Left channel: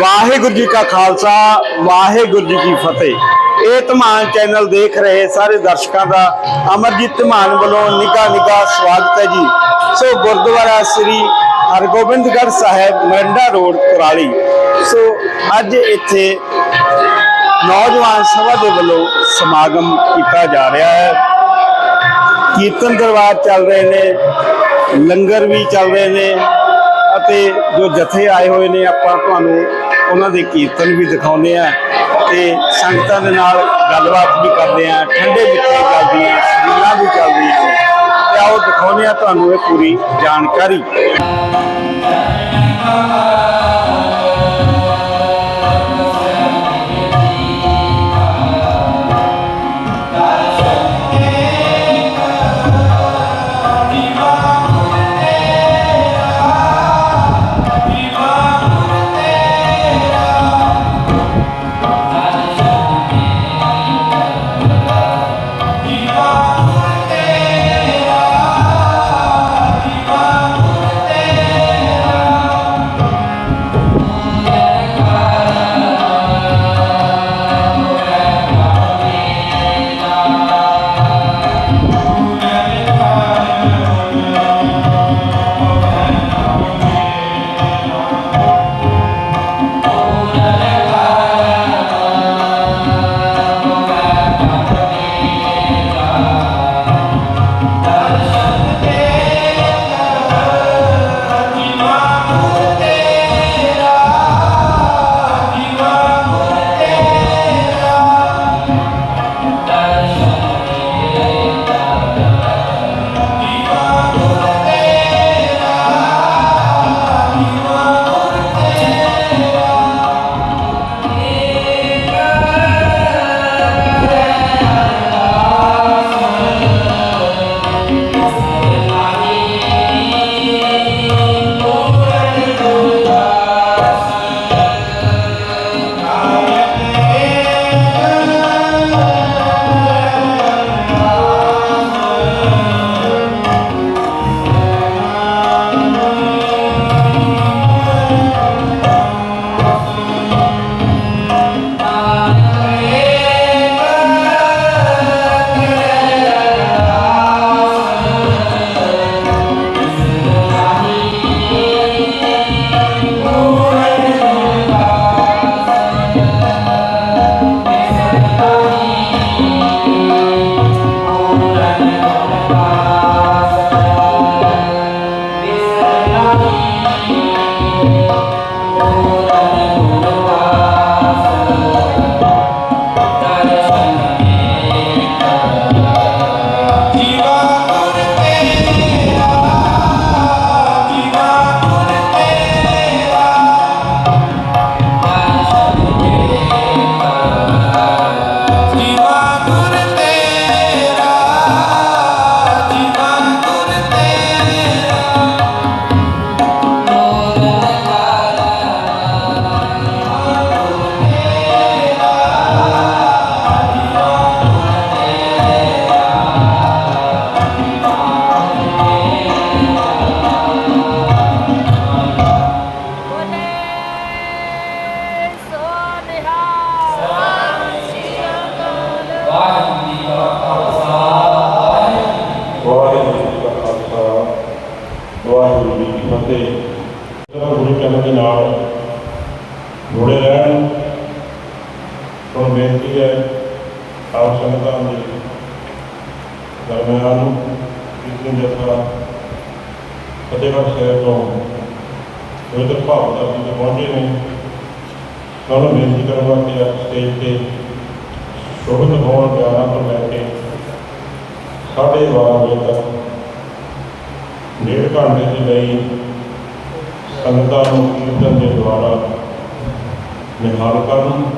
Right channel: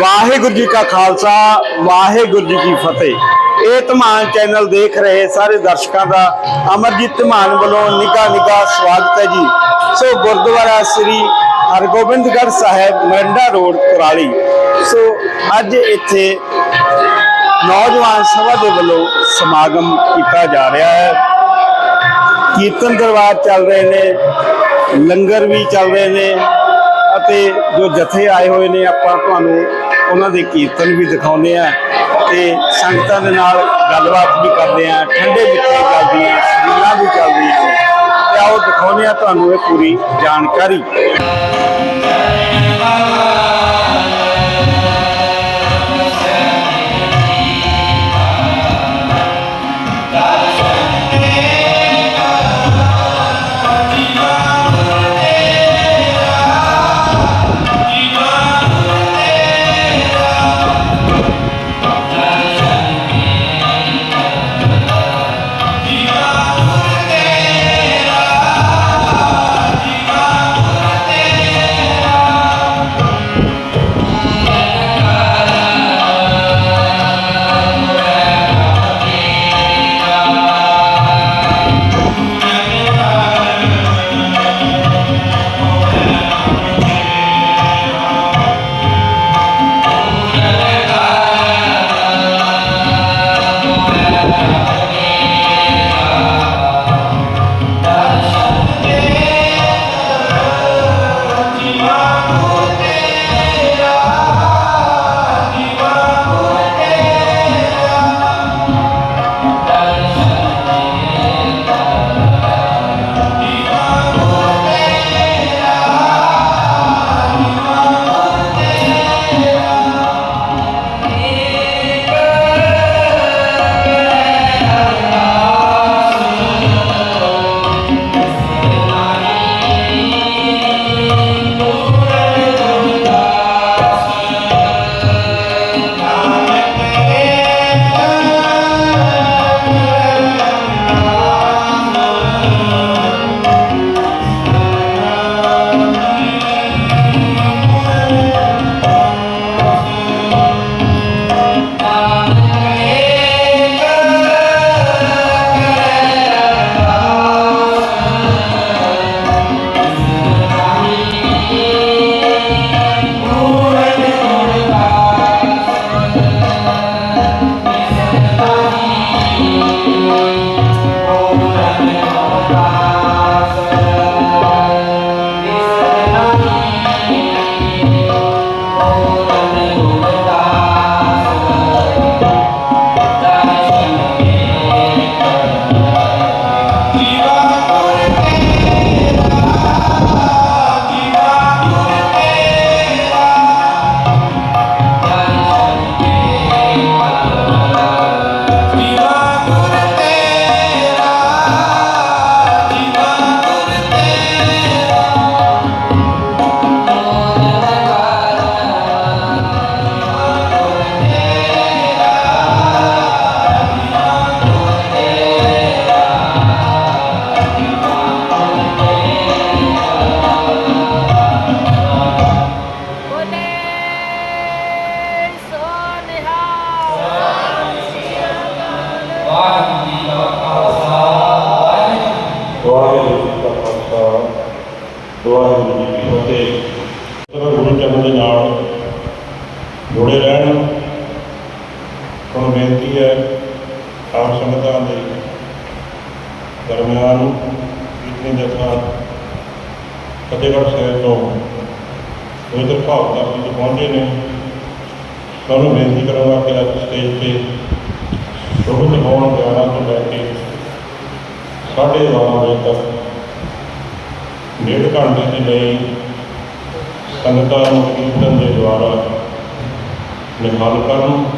ਵਾਹਿਗੁਰੂ ਜੀ ਕਾ ਖਾਲਸਾ, ਵਾਹਿਗੁਰੂ ਜੀ ਕੀ ਫਤਿਹ। ਇਹ ਧਮਾਨ ਚੈਨਲ ਦੇਖ ਰਹੇ ਸਾਰੇ ਦਰਸ਼ਕਾਂ ਦਾ ਅਮਰਜੀਤ ਧਮਾਨ ਵੱਲੋਂ ਨਿੱਘਾ ਨਿੱਘਾ ਸਵਾਗਤ ਹੈ ਜੀ। So Gurdwara Sri Hargobindgarh Sahib, Maranda road, Kurali. So ਅੱਜ ਇੱਥੇ ਨੌਜਵਾਨ ਸਭਾ ਦੇ ਵੱਲੋਂ ਸਮਾਗਮ ਕੀਤਾ ਜਾ ਰਿਹਾ ਹੈ। ਕੀਰਤਨ ਦਰਬਾਰ ਚੱਲ ਰਹੇ ਨੇ, ਲੰਗਰ ਵੀ ਚੱਲ ਰਹੇ ਨੇ ਅਤੇ ਜੋ ਜਥੇ ਆਏ ਹੋਏ ਨੇ, ਆਪਾਂ ਤੁਹਾਨੂੰ ਉਹਨਾਂ ਦੇ ਕੀਰਤਨ ਵੀ ਦਿਖਾਉਂਦੇ ਆ ਤੇ ਸੰਗਤਾਂ ਦੇ ਨਾਲ ਗੱਲਬਾਤ ਵੀ ਕਰਦੇ ਆ, ਠੰਡੇ ਮਿੱਠੇ ਚੱਲਦੀਆਂ ਸਬੀਲਾਂ ਵੀ ਚੱਲਦੀਆਂ ਨੇ। ਤੇ ਆਓ ਦਿਖਾਉਂਦੇ ਆ ਤੁਹਾਨੂੰ ਇਹ ਪੂਰੀ ਜਾਣਕਾਰੀ। ਜੁੜੇ ਰਹਿਣ ਤੁਹਾਨੂੰ ਬੇਨਤੀ ਹੈ, ਆਪ ਸੰਗਤਾਂ ਦੇ ਦਰਮਿਆਨ ਇਤਨੀ ਜਥਾ ਫਤਿਹਗੜ੍ਹ ਸਾਹਿਬ ਤੋਂ ਪਵਿੱਤਰ ਭਾਵਨਾ ਜੀ ਪਹੁੰਚੇ ਨੇ ਤੁਹਾਨੂੰ ਬੇਨਤੀ ਕਰਾਂਗਾ ਕਿ ਆਪ ਸਟੇਜ ਤੇ ਸ਼ੁਭ ਹੋਣ ਪਿਆਰਾਂ ਤੋਂ ਲੈ ਕੇ ਸਾਢੇ ਬਾਰਾਂ ਵਜੇ ਤੱਕ ਡੇਢ ਘੰਟੇ ਦੇ ਲਈ ਸੰਗਤਾਂ ਨੂੰ ਕੀਰਤਨ ਦੇ ਦੁਆਰਾ levá-lo para um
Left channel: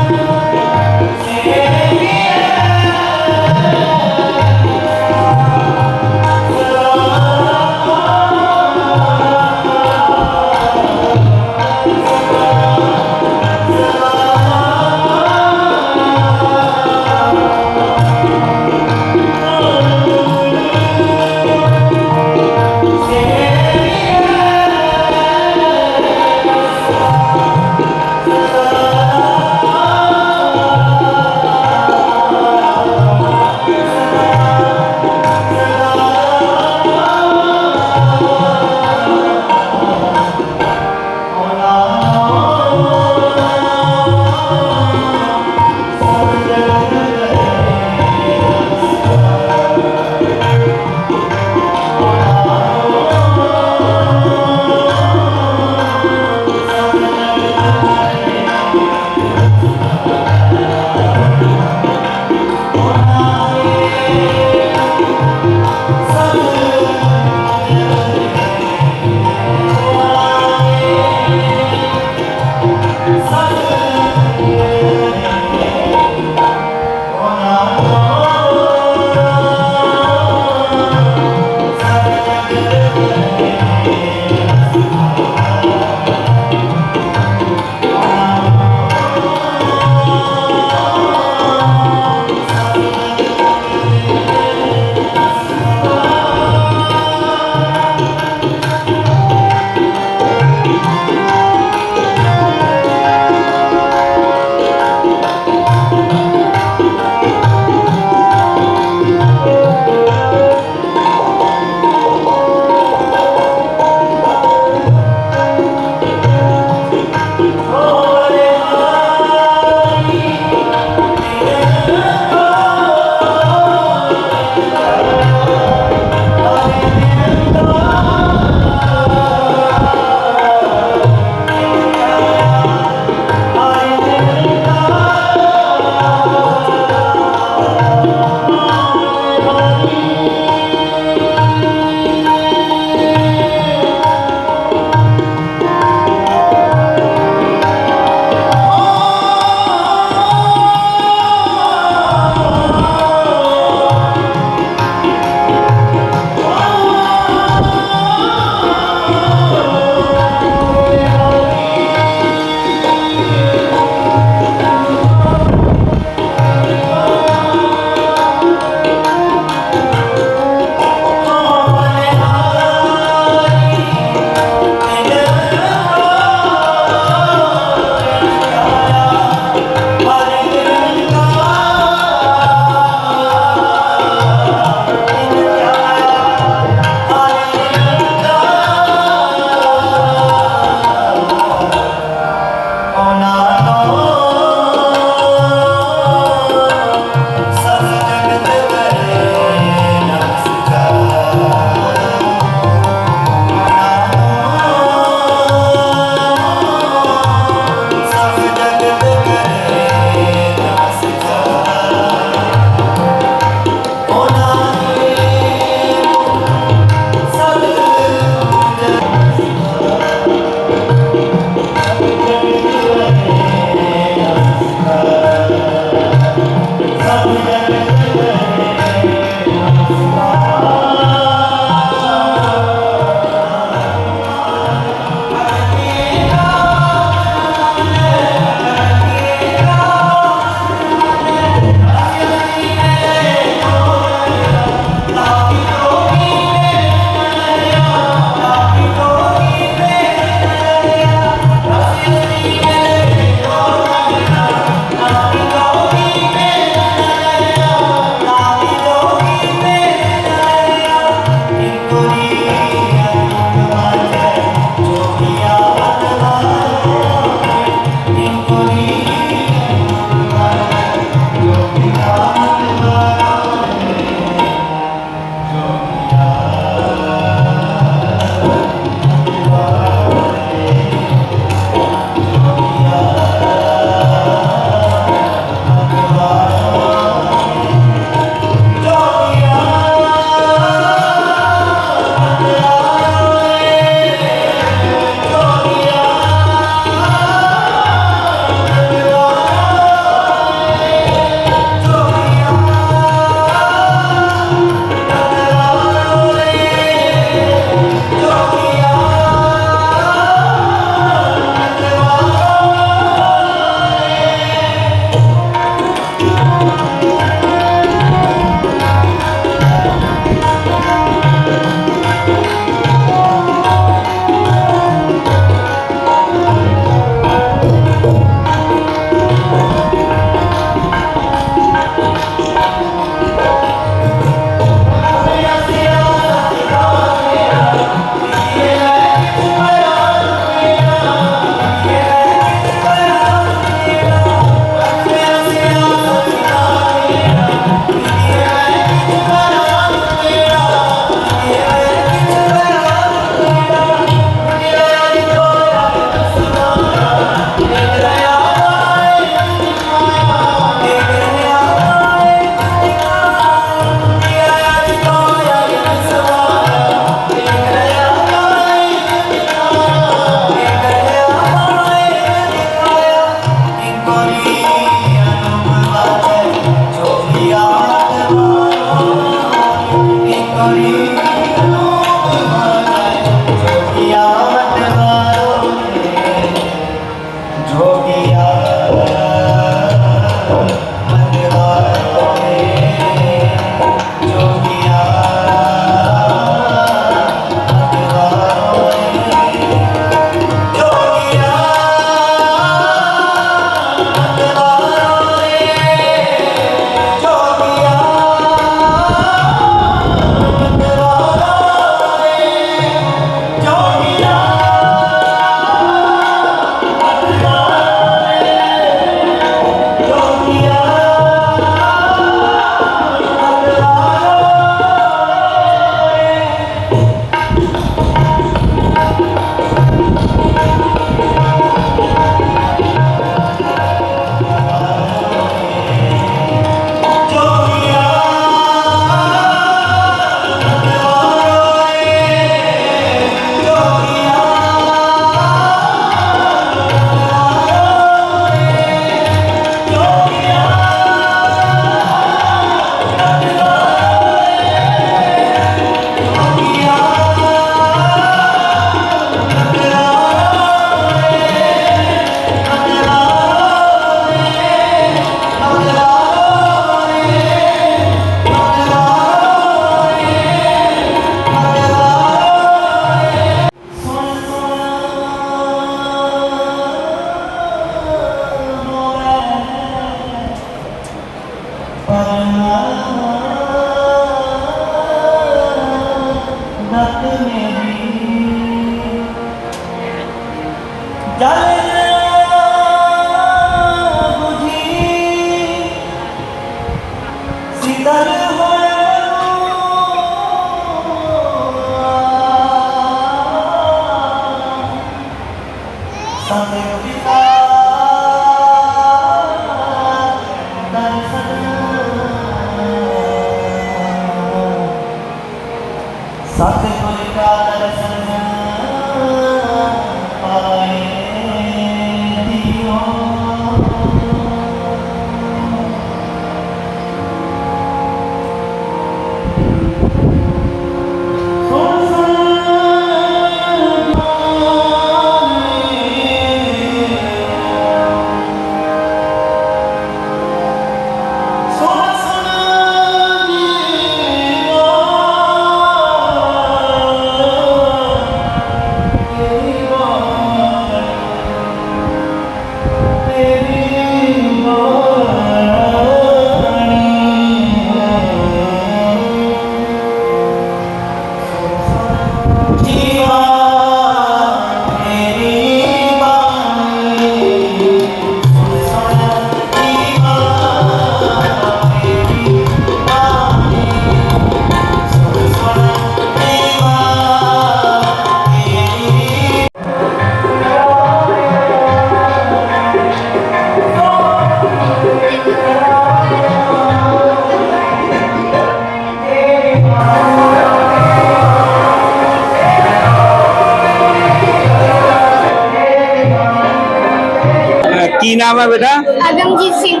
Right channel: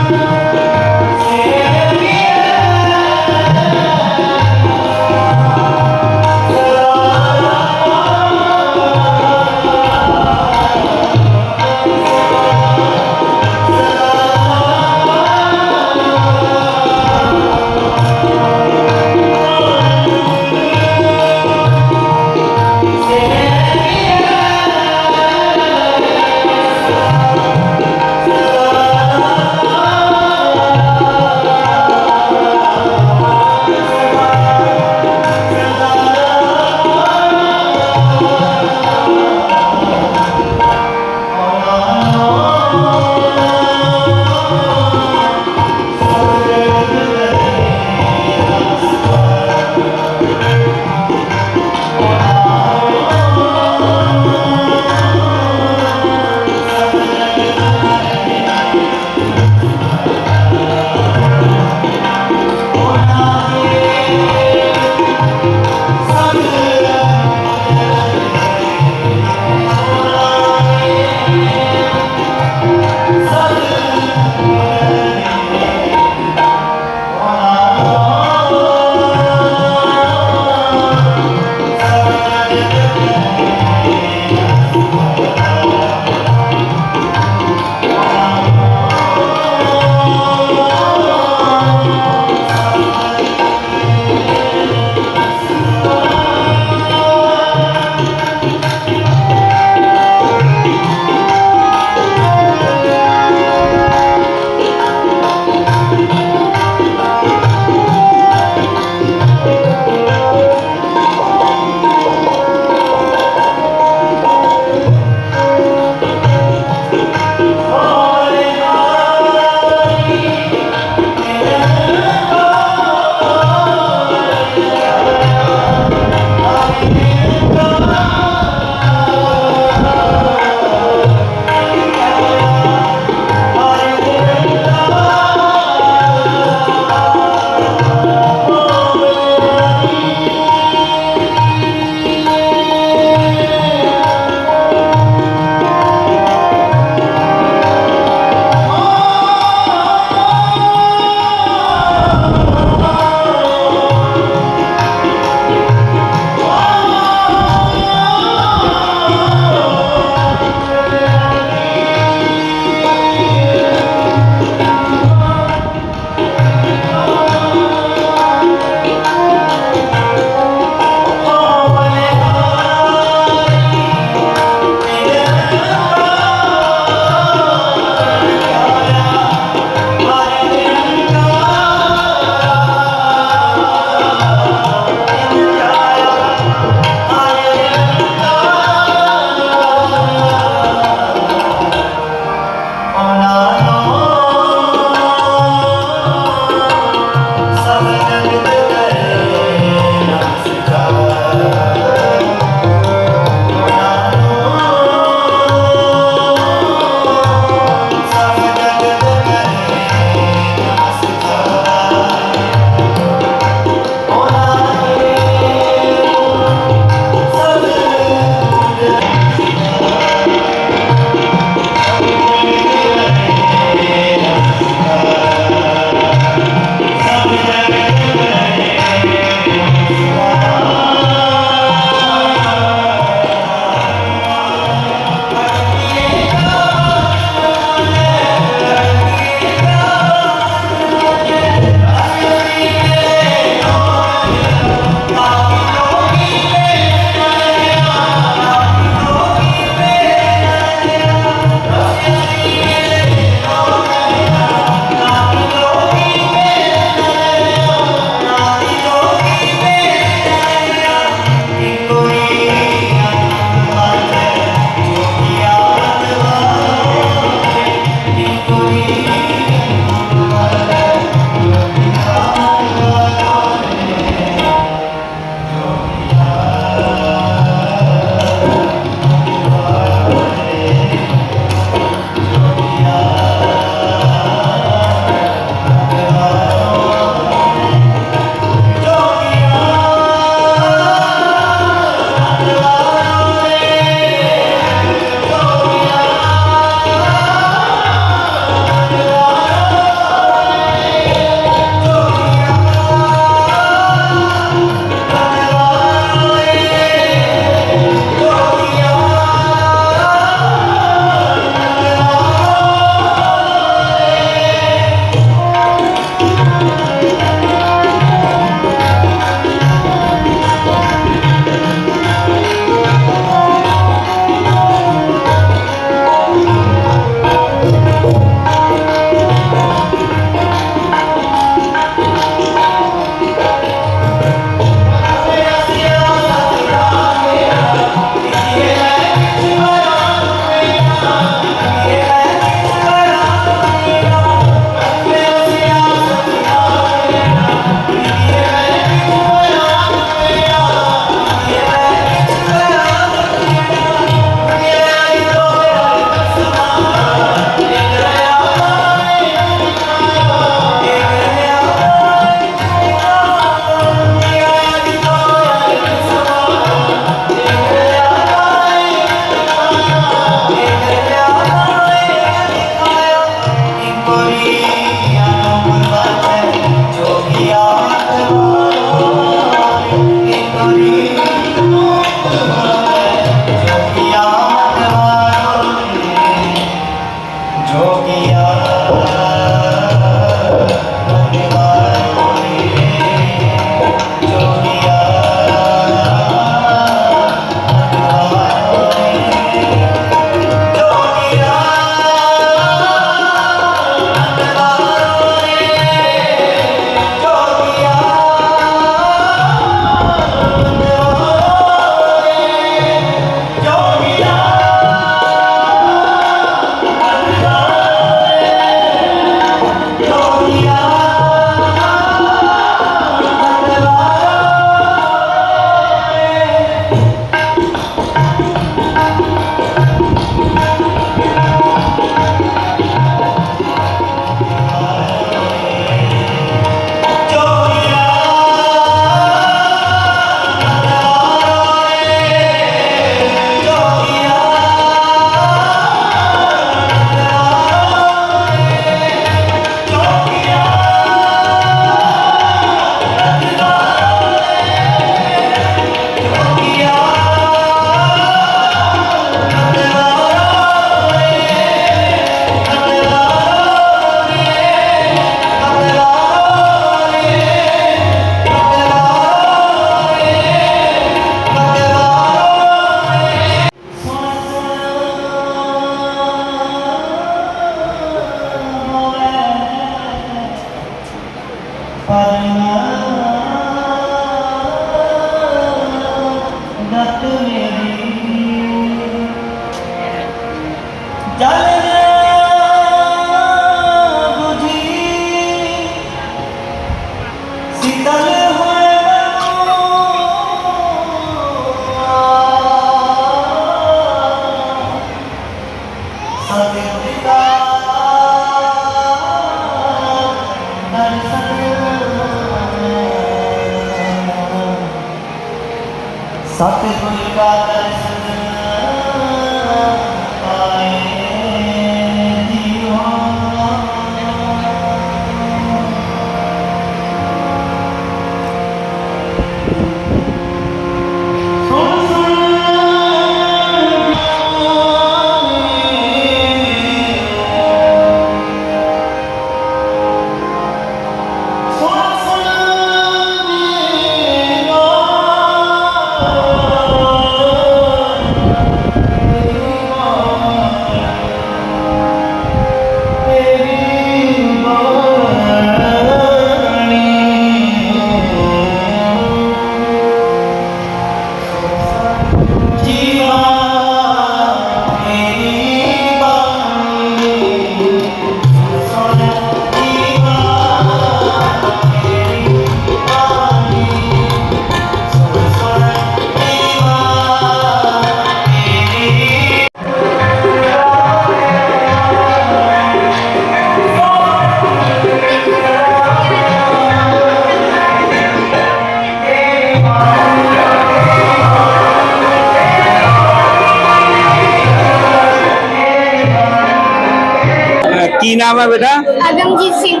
ਕੀ ਨਾਮ ਹੈ ਬੇਟਾ? ਅਗਮਜੀਤ ਸਿੰਘ।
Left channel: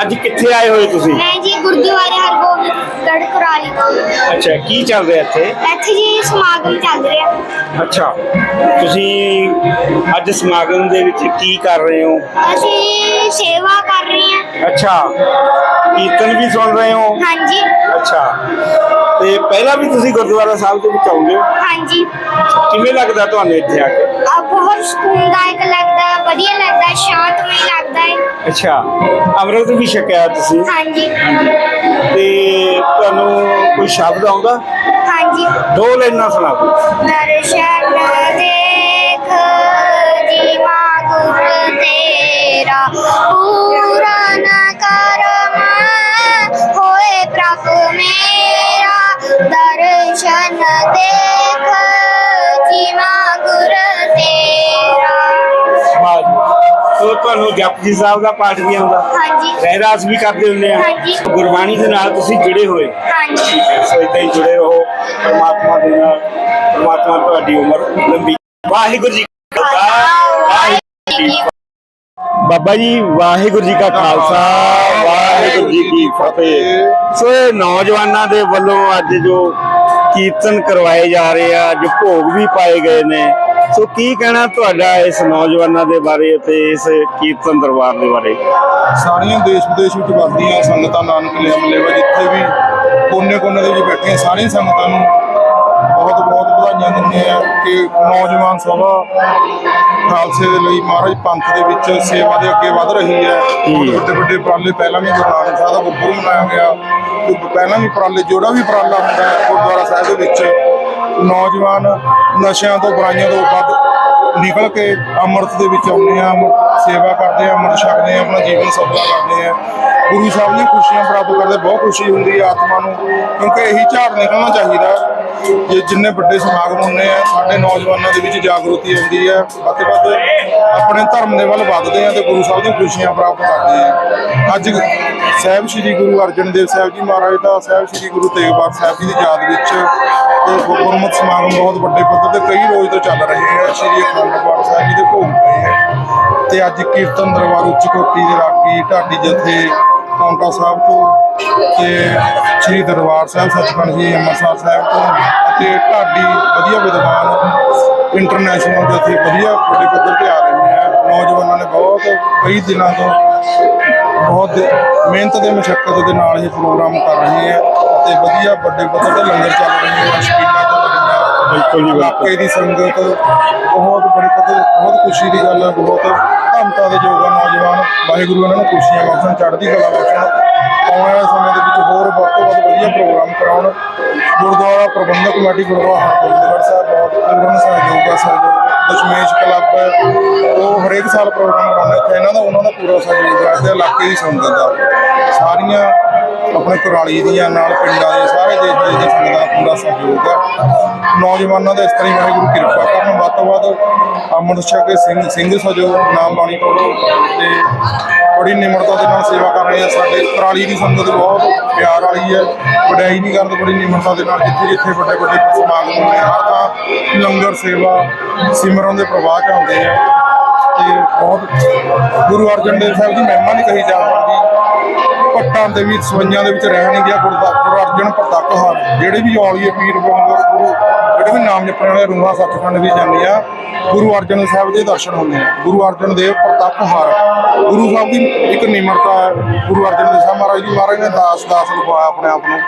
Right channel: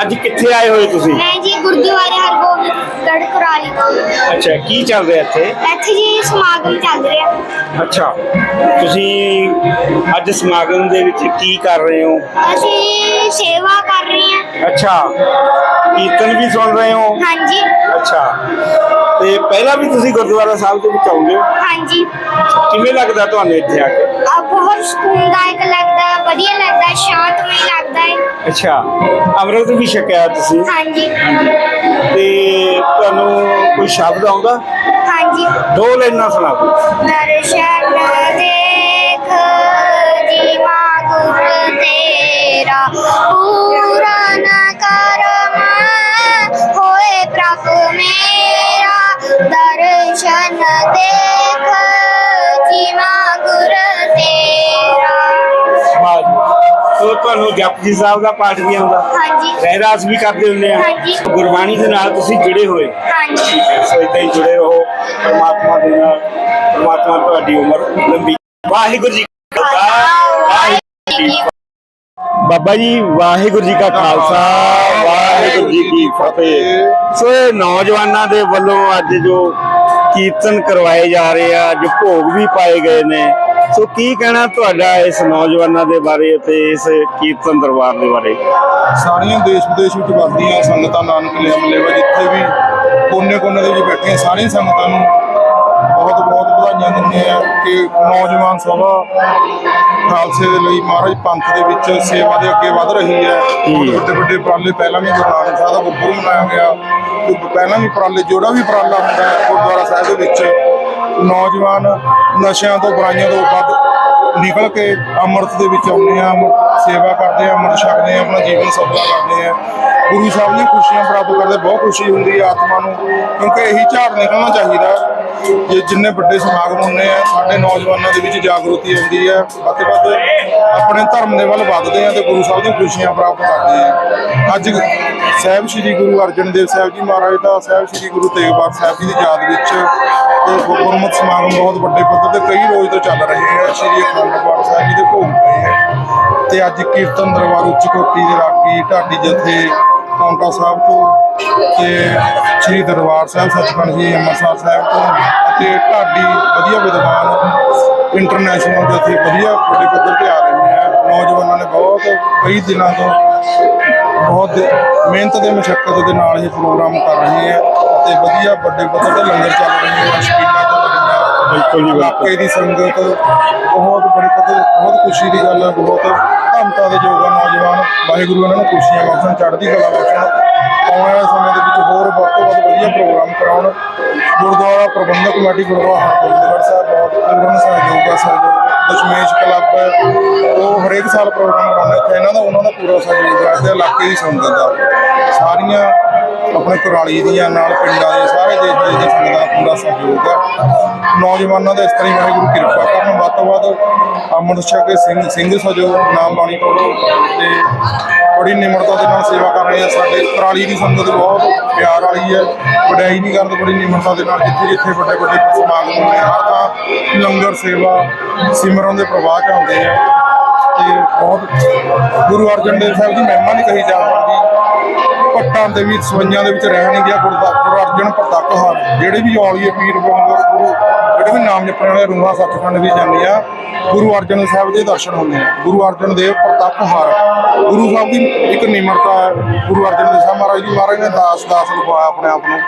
ਅੱਜ ਕਿੱਥੇ ਆਏ ਹੋਏ ਤੁਸੀਂ? ਮੈਂ ਜੀ ਗੁਰਦੁਆਰੇ ਹਰਗੋਬਿੰਦਗੜ੍ਹ ਕੁਰਾਲੀ ਤੋਂ। ਅੱਛਾ ਕੀ ਚੱਲ ਰਿਹਾ ਇੱਥੇ? ਇੱਥੇ ਜੀ ਸਮਾਗਮ ਚੱਲ ਰਿਹਾ। ਅੱਛਾ ਤੁਸੀਂ ਅੱਜ ਸਮਾਗਮ ਦੇ ਵਿੱਚ ਕੀ ਕਰ ਰਹੇ ਹੋ? ਅਸੀਂ ਸੇਵਾ ਕਰ ਰਹੇ ਹਾਂ। ਅੱਛਾ ਕੀਰਤਨ ਵੀ ਸੁਣ ਰਹੇ ਹੋ? ਹਾਂਜੀ। ਅੱਛਾ ਤੇ ਪਹਿਲਾਂ ਵੀ ਤੁਸੀਂ ਗੁਰਦੁਆਰਾ ਸਾਹਿਬ ਦੇ ਵਿੱਚ ਆਉਂਦੇ ਹੋ? ਹਾਂਜੀ। ਕਿਵੇਂ ਲੱਗਦਾ ਤੁਹਾਨੂੰ ਇੱਥੇ ਆ ਕੇ? ਆ ਬਹੁਤ ਸਕੂਨਦਾਇਕ ਲੱਗਦਾ ਹੈ, ਵਧੀਆ ਲੱਗਦਾ ਸ਼ਾਂਤਮਈ ਲੱਗਦਾ ਹੈ। ਅੱਛਾ ਅੰਮ੍ਰਿਤ ਵੀ ਛਕਿਆ ਤੁਸੀਂ? ਹਾਂਜੀ। ਤੇ ਤੁਹਾਨੂੰ ਕੋਈ ਸ਼ਬਦ ਆਉਂਦਾ? ਹਾਂਜੀ। ਦੋ ਲਾਈਨਾਂ ਸੁਣਾਓ। ਦਰਸ਼ਨ ਤੁਹਾਨੂੰ ਜਪਜੀ ਸਾਹਿਬ ਦਾ ਪਾਠ ਵੀ ਆਉਂਦਾ। ਹਾਂਜੀ। ਰਹਿਰਾਸ ਵੀ ਕਰਦੇ ਹੁੰਦੇ ਆ। ਹਾਂਜੀ। ਗੁਰਬਾਣੀ ਦੇ ਨਾਲ ਤੁਸੀਂ ਜੁੜੇ ਹੋਏ। ਹਾਂਜੀ। ਸੋ ਇਦਾਂ ਹੀ ਜੁੜੇ ਰਹੋ। ਪਰਮਾਤਮਾ ਦੇ ਨਾਲ ਪਰਮਾਤਮਾ ਤੁਹਾਡੀ ਉਮਰ ਲੰਬੀ। ਵਾਹਿਗੁਰੂ ਜੀ ਕਾ ਖਾਲਸਾ। ਵਾਹਿਗੁਰੂ ਜੀ ਕੀ ਫਤਿਹ। ਬਾਬਾ ਜੀ ਵਾਹਿਗੁਰੂ ਜੀ ਕਾ ਖਾਲਸਾ। ਵਾਹਿਗੁਰੂ ਜੀ ਕੀ ਫਤਿਹ। ਸੋ ਇਹ ਨੌਜਵਾਨਾਂ ਦੇ ਵੱਲੋਂ ਅੱਜ ਜੋ ਕੀਰਤਨ ਕਰਵਾਏ ਜਾ ਰਹੇ ਆ ਜੋ ਭੋਗ ਵੀ ਪਾਏ ਗਏ ਨੇ ਸੋ ਕੀ ਕਹਿਣਾ ਤੁਹਾਡਾ ਇਸ ਨੌਜਵਾਨਾਂ ਦੇ ਬਾਰੇ ਅਤੇ ਇਸ ਕੀਰਤਨ ਦਰਬਾਰ ਦੇ ਬਾਰੇ? ਸਾਰੀਆਂ ਦੇਸ਼ ਵਿਦੇਸ਼ ਵਿੱਚ ਵਸਦੀਆਂ ਸੰਗਤਾਂ ਨਾਨਕ ਲਿਆ ਮਲੇਵਾ ਜਿੱਥੇ ਵੀ ਕੋਨੇ-ਕੋਨੇ ਦੇ ਵਿੱਚ ਬੈਠੀਆਂ ਸਾਰੀਆਂ ਸੰਗਤਾਂ ਨੂੰ ਬਹੁਤ ਬਹੁਤ ਵਧਾਈਆਂ ਦਿੰਦੇ ਆ ਕਿ ਨੌਜਵਾਨ ਸਭਾ ਖਾਲਸੇ ਦੇ ਲਈ ਮਹਾਰਾਜ ਪੰਥ ਦੇ ਵਿੱਚ ਸੇਵਾ ਦੇ ਅੱਗੇ ਵਧ ਰਹੀ ਹੈ। ਵੱਡੇ ਵੱਡੇ ਉਪਰਾਲੇ ਪਹਿਲਾਂ ਵੀ ਗੁਰੂ ਨਾਨਕ ਸਾਹਿਬ ਦਾ ਗੁਰਪੁਰਬ ਮਨਾਇਆ ਗਿਆ। ਪਹਿਲਾਂ ਵੀ ਉਪਰਾਲੇ ਜਿਹੜਾ ਵੀ ਉਪਰਾਲਾ ਹੁੰਦਾ ਹੈ ਗੁਰਦੁਆਰਾ ਸਾਹਿਬ ਦੇ ਵਿੱਚ। ਨੌਜਵਾਨ ਨਸ਼ਿਆਂ ਤੋਂ ਬੁਰਾਈਆਂ ਤੋਂ ਵੱਧ ਨਿਕਲ ਕੇ ਅੰਮ੍ਰਿਤ ਦੇ ਵਿੱਚ ਆਉਂਦੇ ਆ ਅੰਮ੍ਰਿਤ ਸੇਵਾ ਕਰਦੇ ਆ, ਅੰਮ੍ਰਿਤ ਛਕਦੇ ਆ, ਆਪਣਾ ਜੀਵਨ ਸਫਲਾ ਕਰਦੇ ਆ। ਗੁਰੂ ਸਾਹਿਬ ਦੀਆਂ ਖੁਸ਼ੀਆਂ ਪ੍ਰਾਪਤ ਕਰਦੇ, ਬਹੁਤ ਖੁਸ਼ੀ ਹੁੰਦੀ ਹੈ ਆਤਮਾ ਨੂੰ, ਕਿਉਂਕਿ ਇਹੀ ਝਾੜ ਨਿਕਲਣਾ ਚਾਹੀਦਾ ਜੇ ਜਿੰਨੇ ਵੱਡੇ ਸਮਾਗਮ ਹੁੰਦੇ ਆ, ਸਾਡੇ ਨੌਜਵਾਨਾਂ ਦੇ ਵਿੱਚ ਜਾਗਰੂਕਤੀ ਆਉਂਦੀ ਹੈ ਵੱਧ ਵੱਧ ਆਪਣੇ ਧਰਮ ਦੇ ਵੱਲ ਵੱਧਦੇ ਆ ਤੇ ਗੁਰੂ ਸਾਹਿਬ ਦੀਆਂ ਖੁਸ਼ੀਆਂ ਪ੍ਰਾਪਤ ਕਰਦੇ ਆ। ਅੱਜ ਸਾਹਿਬ ਸ੍ਰੀ ਗੁਰੂ ਅਰਜਨ ਦੇਵ ਸਾਹਿਬ ਜੀ ਮਹਾਰਾਜ ਦਾ ਸਾਹਿਬ ਸ੍ਰੀ ਗੁਰੂ ਤੇਗ ਬਹਾਦਰ ਸਾਹਿਬ ਜੀ ਦੀ ਯਾਦ ਵਿੱਚ ਤੇ ਗੁਰਮਤਿ ਸਮਾਗਮ ਬਹੁਤ ਵੱਡੇ ਪੱਧਰ ਤੇ ਕਈ ਰੋਜ਼ ਤੋਂ ਚੱਲ ਰਹੇ ਹੈ ਸ੍ਰੀ ਅਖੰਡ ਪਾਠ ਸਾਹਿਬ ਜੀ ਦੇ ਭੋਗ ਪਏ ਹੈ ਤੇ ਅੱਜ ਕੀਰਤਨ ਦਰਬਾਰ ਉੱਚ ਕੋਟੀ ਦੇ ਰਾਗੀ ਢਾਡੀ ਜਥੇ ਪੌਂਟਾ ਸਾਹਿਬ ਤੋਂ ਤੇ ਸ੍ਰੀ ਦਰਬਾਰ ਸਾਹਿਬ ਸੱਚਖੰਡ ਜੀ ਅੰਮ੍ਰਿਤਸਰ ਸਾਹਿਬ ਤੋਂ ਅਤੇ ਢਾਡੀ ਵਧੀਆ ਵਿਦਵਾਨ ਇੰਟਰਨੈਸ਼ਨਲ ਜਥੇ ਵਧੀਆ ਵੱਡੇ ਪੱਧਰ ਤੇ ਆ ਰਹੇ ਹੈ ਨੌਜਵਾਨਾਂ ਨੇ ਬਹੁਤ, ਕਈ ਦਿਨਾਂ ਤੋਂ ਬਹੁਤ ਮਿਹਨਤ ਤੇ ਮੁਸ਼ਕਲ ਦੇ ਨਾਲ ਇਹ ਪ੍ਰੋਗਰਾਮ ਕਰ ਰਹੇ ਹੈ ਤੇ ਵਧੀਆ ਵੱਡੇ ਪੱਧਰ ਤੇ ਲੰਗਰ ਚੱਲ ਰਹੇ ਹੈ ਬਿਲਕੁਲ ਜੀ, ਇਲਾਕੇ ਦੀ ਸੰਗਤ ਬਹੁਤ ਬੜੀ ਪੱਧਰ ਬਹੁਤ ਖੁਸ਼ੀ ਦੀ ਗੱਲ ਹੈ ਬਹੁਤ ਧੰਨਤਾ ਦੇ ਯੋਗ ਹੈ ਨੌਜਵਾਨ। ਵਾਹਿਗੁਰੂ ਇਹਨਾਂ ਨੂੰ ਖੁਸ਼ੀਆਂ ਬਖਸ਼ਣ ਚੜ੍ਹਦੀ ਕਲਾ ਬਖਸ਼ਣ। ਆਉਣ ਵਾਲੇ ਸਮੇਂ ਦੇ ਵਿੱਚ ਹੋਰ ਵੱਧ ਤੋਂ ਵੱਧ ਵਧੀਆ ਪ੍ਰੋਗਰਾਮ ਕਰਾਉਣ। ਗੁਰਦੁਆਰਾ ਪ੍ਰਬੰਧਕ ਕਮੇਟੀ ਗੁਰਦੁਆਰਾ ਹਰਗੋਬਿੰਦਗੜ੍ਹ ਸਾਹਿਬ ਬਹੁਤ ਪੂਰਨ ਸਹਿਯੋਗ ਦਾ ਸਹਿਯੋਗ ਦਸ਼ਮੇਸ਼ ਕਲੱਬ ਹੈ, ਉਹ ਹਰੇਕ ਸਾਲ ਪ੍ਰੋਗਰਾਮ ਕਰਾਉਂਦੇ ਇੱਥੇ ਇਹਨਾਂ ਦਾ ਉਹਨਾਂ ਦਾ ਪੂਰਾ ਸਹਿਯੋਗ ਹੈ ਤੇ ਇਲਾਕੇ ਦੀ ਸੰਗਤ ਦਾ ਸਾਰੀਆਂ ਆਪਣੇ ਕੁਰਾਲੀ ਦੀਆਂ, ਨਾਲ ਪਿੰਡਾਂ ਦੇ ਸਾਰੇ ਦੇਸ਼ ਦੇ ਵਿੱਚ ਸੰਗਤਾਂ ਦਾ ਪੂਰਾ ਸਹਿਯੋਗ ਹੈ। ਨੌਜਵਾਨਾਂ ਦਾ ਇਸ ਤਰ੍ਹਾਂ ਹੀ ਵਾਹਿਗੁਰੂ ਕਿਰਪਾ ਕਰਨ। ਵੱਧ ਤੋਂ ਵੱਧ ਅੰਮ੍ਰਿਤ ਛਕ ਕੇ ਸਿੰਘ ਸਿੰਘ ਸਜੋ, ਨਾਮ ਬਾਣੀ ਪੜੋ ਤੇ ਬੜੀ ਨਿਮਰਤਾ ਦੇ ਨਾਲ ਸੇਵਾ ਕਰ ਰਹੇ ਆ। ਸਾਡੇ ਕੁਰਾਲੀ ਦੀ ਸੰਗਤ ਬਹੁਤ ਪਿਆਰ ਵਾਲੀ ਹੈ। ਵਡਿਆਈ ਨਹੀਂ ਕਰਦੇ ਬੜੀ ਨਿਮਰਤਾ ਦੇ ਨਾਲ ਜਿੱਥੇ ਜਿੱਥੇ ਵੱਡੇ ਵੱਡੇ ਸਮਾਗਮ ਹੁੰਦੇ ਆ, ਹਰ ਤਾਂ ਲੰਗਰ ਸੇਵਾ, ਸਿਮਰਨ ਦੇ ਪ੍ਰਵਾਹ ਚ ਆਉਂਦੇ ਆ। ਤੇ ਬਹੁਤ ਗੁਰੂ ਅਰਜਨ ਦੇਵ ਸਾਹਿਬ ਦੀ ਮਹਿਮਾ ਨਹੀਂ ਕਹੀ ਜਾ ਸਕਦੀ। ਪੱਟਾਂ ਦੇ ਵੀ ਸਵਈਆਂ ਦੇ ਵਿੱਚ ਰਹਿਣ ਗਿਆ ਗੁਰਦਾ ਗੁਰੂ ਅਰਜਨ ਪ੍ਰਤੱਖ ਹਨ। ਜਿਹੜੇ ਵੀ ਔਲੀਏ ਪੀਰ ਬੋਂਗਰ ਗੁਰੂ ਜਿਹੜੇ ਵੀ ਨਾਮ ਜਪਣ ਵਾਲੇ ਰੂਹਾਂ ਸੱਚਖੰਡ ਵੀ ਜਾਂਦੀਆਂ ਗੁਰੂ ਅਰਜਨ ਸਾਹਿਬ ਦੇ ਦਰਸ਼ਨ ਹੁੰਦੇ ਆ। ਗੁਰੂ ਅਰਜਨ ਦੇਵ ਪ੍ਰਤੱਖ ਹਰ ਗੁਰੂ ਸਾਹਿਬ ਦੀ ਇੱਕ ਨਿਮਰਤਾ ਹੈ। ਗੁਰੂ ਅਰਜਨ ਦੇਵ ਸਾਹਿਬ ਮਹਾਰਾਜ ਜੀ ਮਹਾਰਾਜ ਨੇ ਦਾਸ ਦਾਸ ਲਿਖਵਾਇਆ ਆਪਣੇ ਆਪ ਨੂੰ।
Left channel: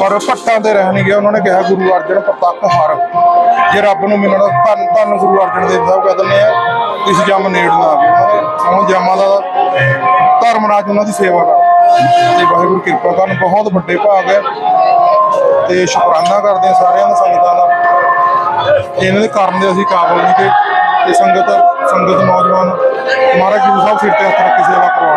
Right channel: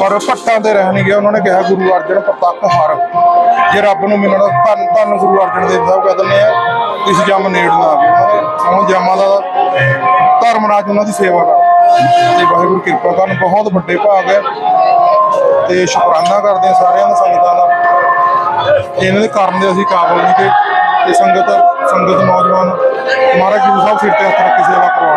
ਪਰ ਪੱਟਾਂ ਤੇ ਰਹਿਣਗੇ ਉਹਨਾਂ ਨੇ ਕਿਹਾ, ਗੁਰੂ ਅਰਜਨ ਪ੍ਰਤੱਖ ਹਰ। ਜੇ ਰੱਬ ਨੂੰ ਮਿਲਣਾ, ਧੰਨ ਧੰਨ ਗੁਰੂ ਅਰਜਨ ਦੇਵ ਸਾਹਿਬ ਕਹਿ ਦਿੰਦੇ ਆ ਇਸ ਜੰਮ ਨੇੜਨਾ। ਆਵੇ ਉਹਨਾਂ ਦੇ ਸਮਾਂ ਜਮਾਂ ਦਾ ਧਰਮ ਰਾਜ ਉਹਨਾਂ ਦੀ ਸੇਵਾ ਕਰ ਤੇ ਵਾਹਿਗੁਰੂ, ਕਿਰਪਾ ਕਰਨ। ਬਹੁਤ ਵੱਡੇ ਭਾਗ ਹੈ। ਤੇ ਸ਼ੁਕਰਾਨਾ ਕਰਦੇ ਹਾਂ ਸਾਰਿਆਂ ਦਾ ਸੰਗਤਾਂ ਦਾ। ਇਹਨਾਂ ਦੇ ਕਾਰਨ ਦੇ ਅਸੀਂ ਕਾਬਲ ਨਹੀਂ ਕਿ ਤੇ ਸੰਗਤ ਸੰਗਤ ਨੌਜਵਾਨ, ਮਹਾਰਾਜ ਗੁਰੂ ਸਾਹਿਬ ਸਿਰ ਤੇ ਹੱਥ ਰੱਖ ਕੇ ਸੇਵਾ ਕਰਵਾ ਰਹੇ